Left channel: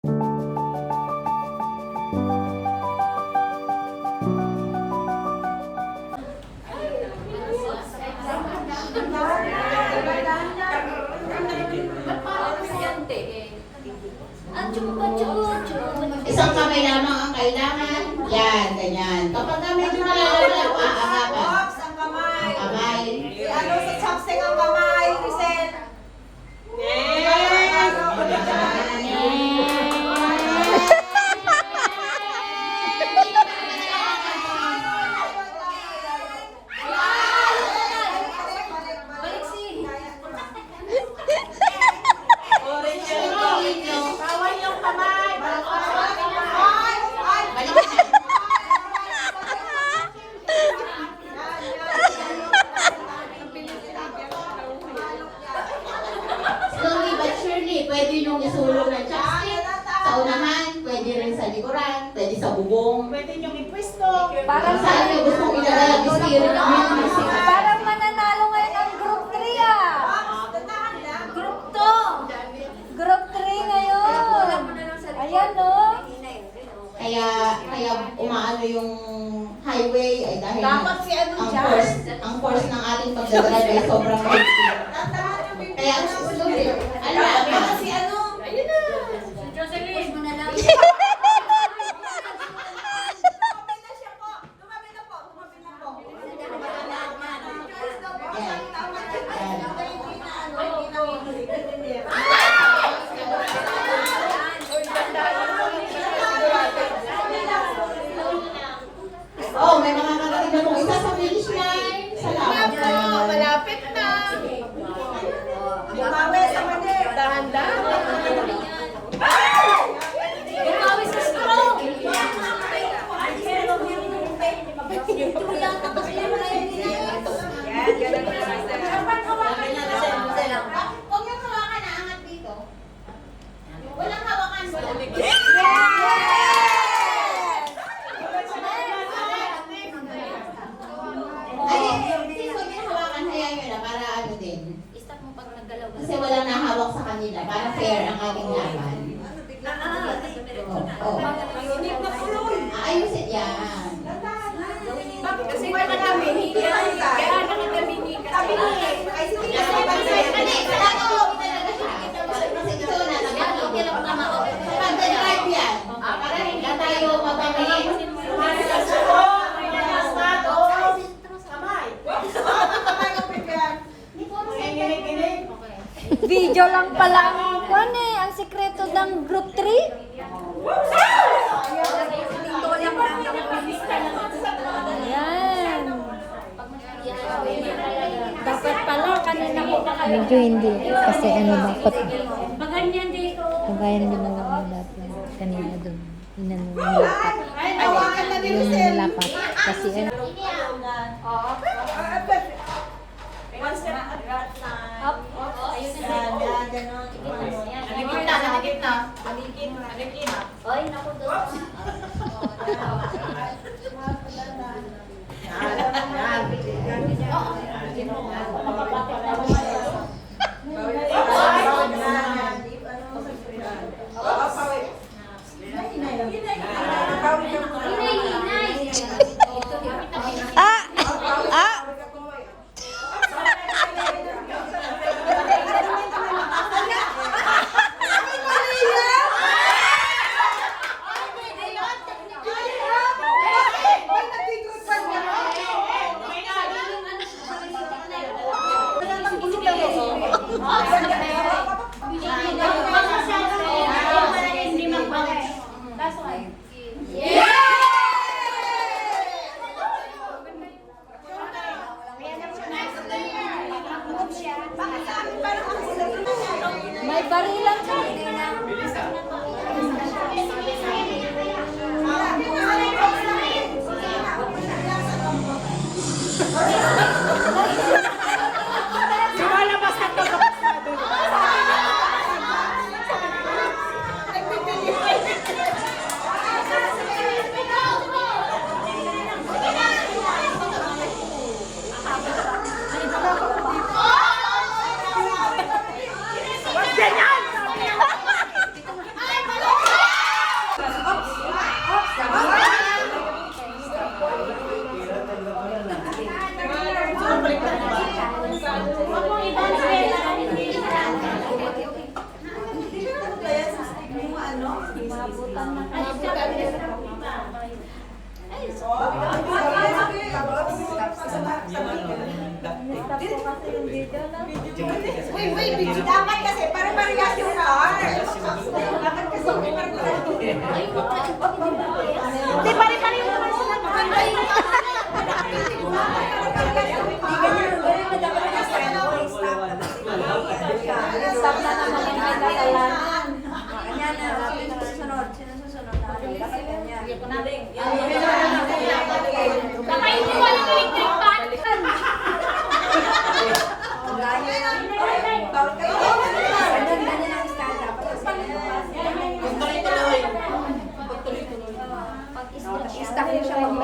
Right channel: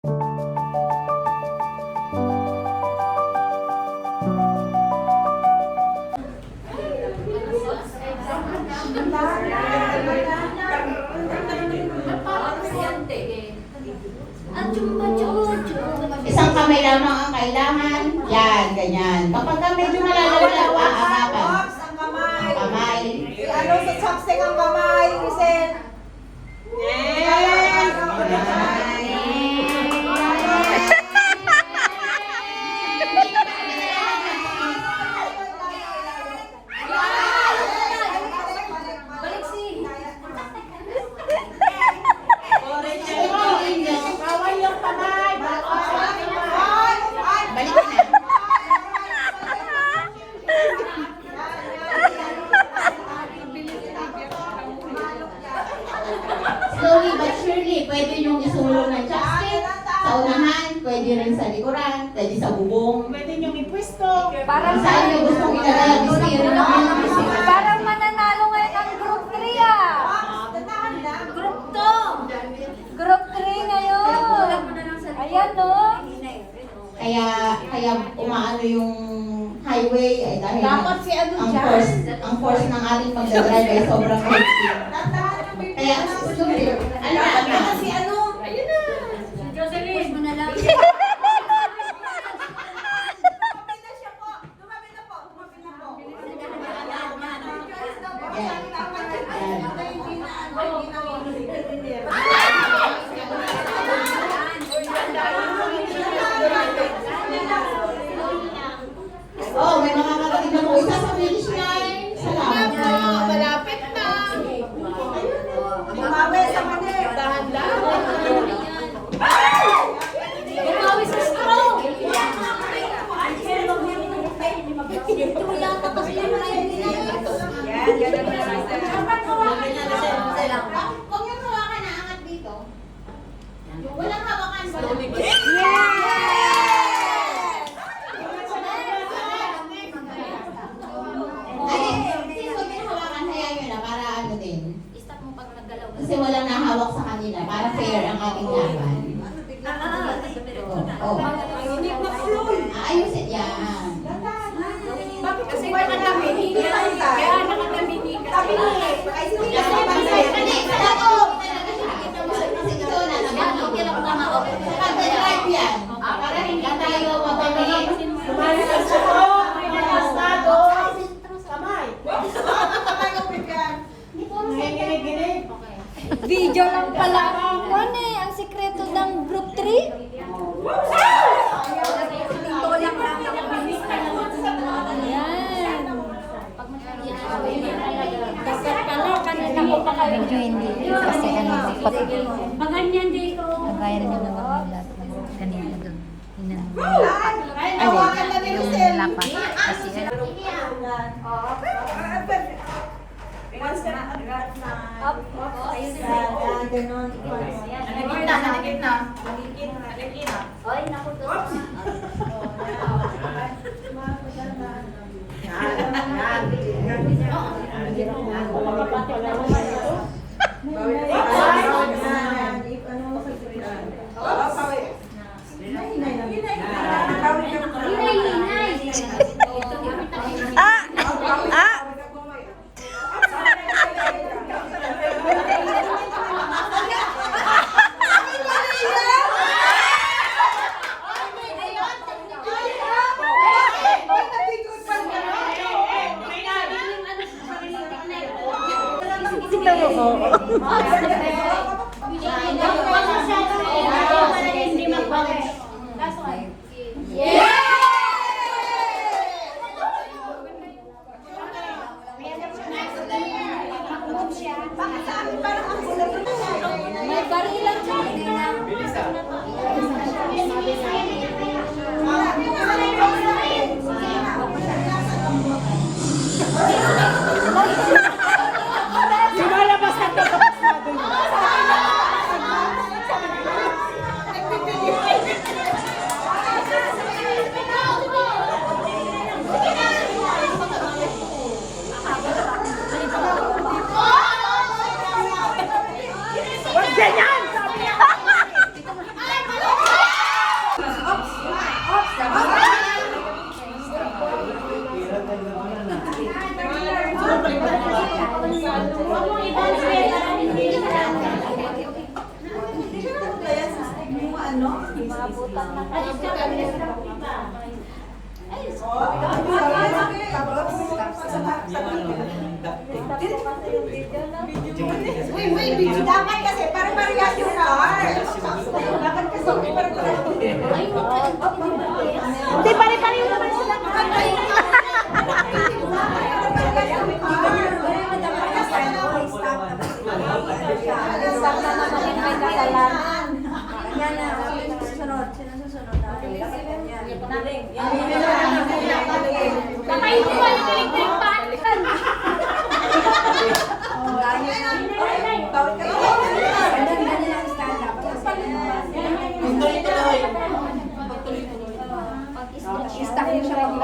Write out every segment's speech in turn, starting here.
Isang kamay lamang ang kailangan. Yan, ganyan. Kapag medyo nalalalawa, agapan. Ang kamay. Kamay. Ano sa chopstick ang kamay, Rizal? Yes! Kaway yung kamay. Balik ka na. Slowly but surely, pwede yung isulong ng chopstick. Sa unahan, pwede rin sa likuran, pwede sa bubong. Pwede niyong ipwesto. Kung saan may gusto mong ilagay ang steering wheel. Parang mananalo ngayon ang group 3 ah. Group 2. Group 3 ngayon. Ayan o. Kaya umaano yung highway ay dahil Dapat si ano ang course ng ating pagdadrive ay sobrang healthy. Kaya ano si ano? Ayun na. Jocelyn. Mo na lang. Tumabi na siya po. Tumabi na po. Tumabi na po. Oh, may mga karating na po isa sa finish line. Salamat. Malapit na. Tumabi sa manir. Dahan-dahan. Bumawi sa straw. Tumulata kasi yung mga yun nila. Yan, ganun na lang. Huwag yung hawakan na angat dito. Walang hawakan. Ay, since huwag yung hawakan, hayaan nyo na para ano din. Stop mo pag naggalaw. Kasi walang nahawak sa kanila para fair ang ating laban. Ayusin yan. Bakit kasi wala namin? Hindi naman tayo. Kaya nakadamini ka. Sabi ni, ay sige na sa bansay. Kasi ito na naman. Okay lang tama. Pag-drive yan. Para hindi tayo mabangin. Video lang pala. Ano eh, ang sikreto ng group 3? Ito lang Ayan. Dapat pala kanina mo Medyo hindi. Kasi ano, Pag ganyan dito. kagaya naman ng mga kanina doon. Ay, nawakan na ni Rizal. Kasi ano, One step at a time. Ganun. Nalikit na. Malikit. Oy, naku doon. ano? Dapat kasi pare-parehas yung car. Dapat kasi hindi pare-parehas. Hindi pare-pareho naman sila. Maganda yung Ganyan na, susunod. Sinusunod natin. Dapat ganyan. Kakain mo yung electric fan. Bawal kayo. Ganyan ang style. Stack niyo siya pag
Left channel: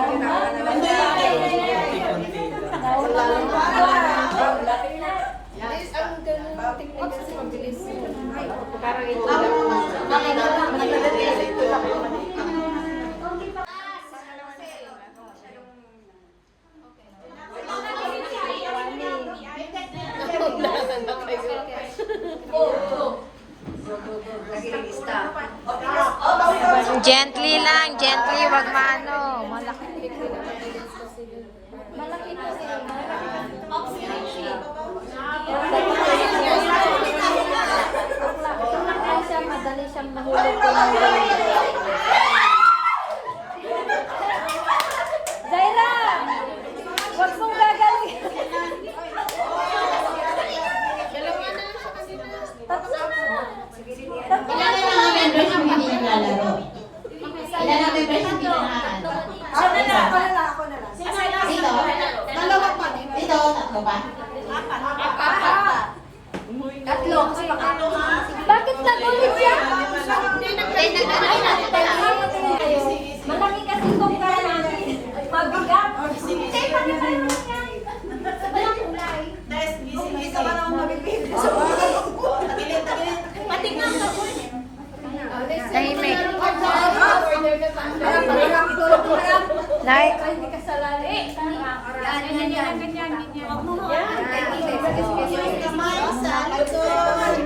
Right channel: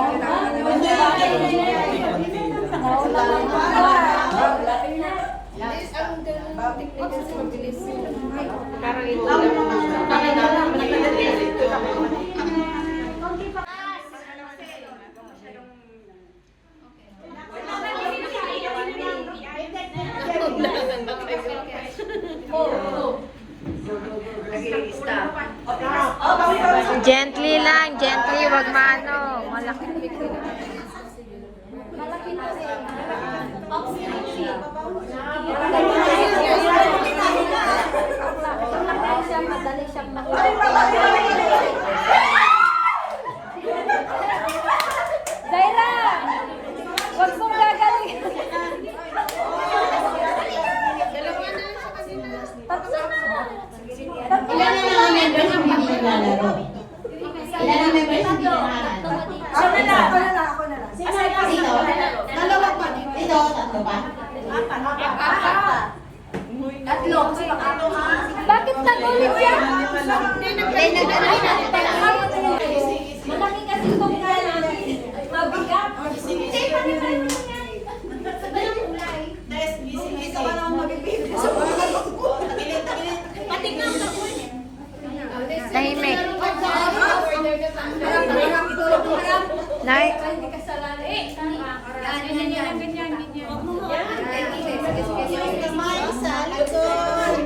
Gently lang, gently, wag maano. Malaki. Zaira! Huwag mong gagawin. Ilan na lang ang members yung hindi naglalaro? Ilan ang members yung hindi naglalaro? Ako na lang. Ito? Dalawa pa. Ito, tatlo ba? Tatlo. Bakit nagulog yan? Malaki kasi itong kaya. Mabigat. Hindi, pag-ibayan mo yan. Walang kulay. Isa ka naman mabibili. Patignan ka po. Tahimik. Nay. Hindi ka salali. Ganyan. Kamay sa likod.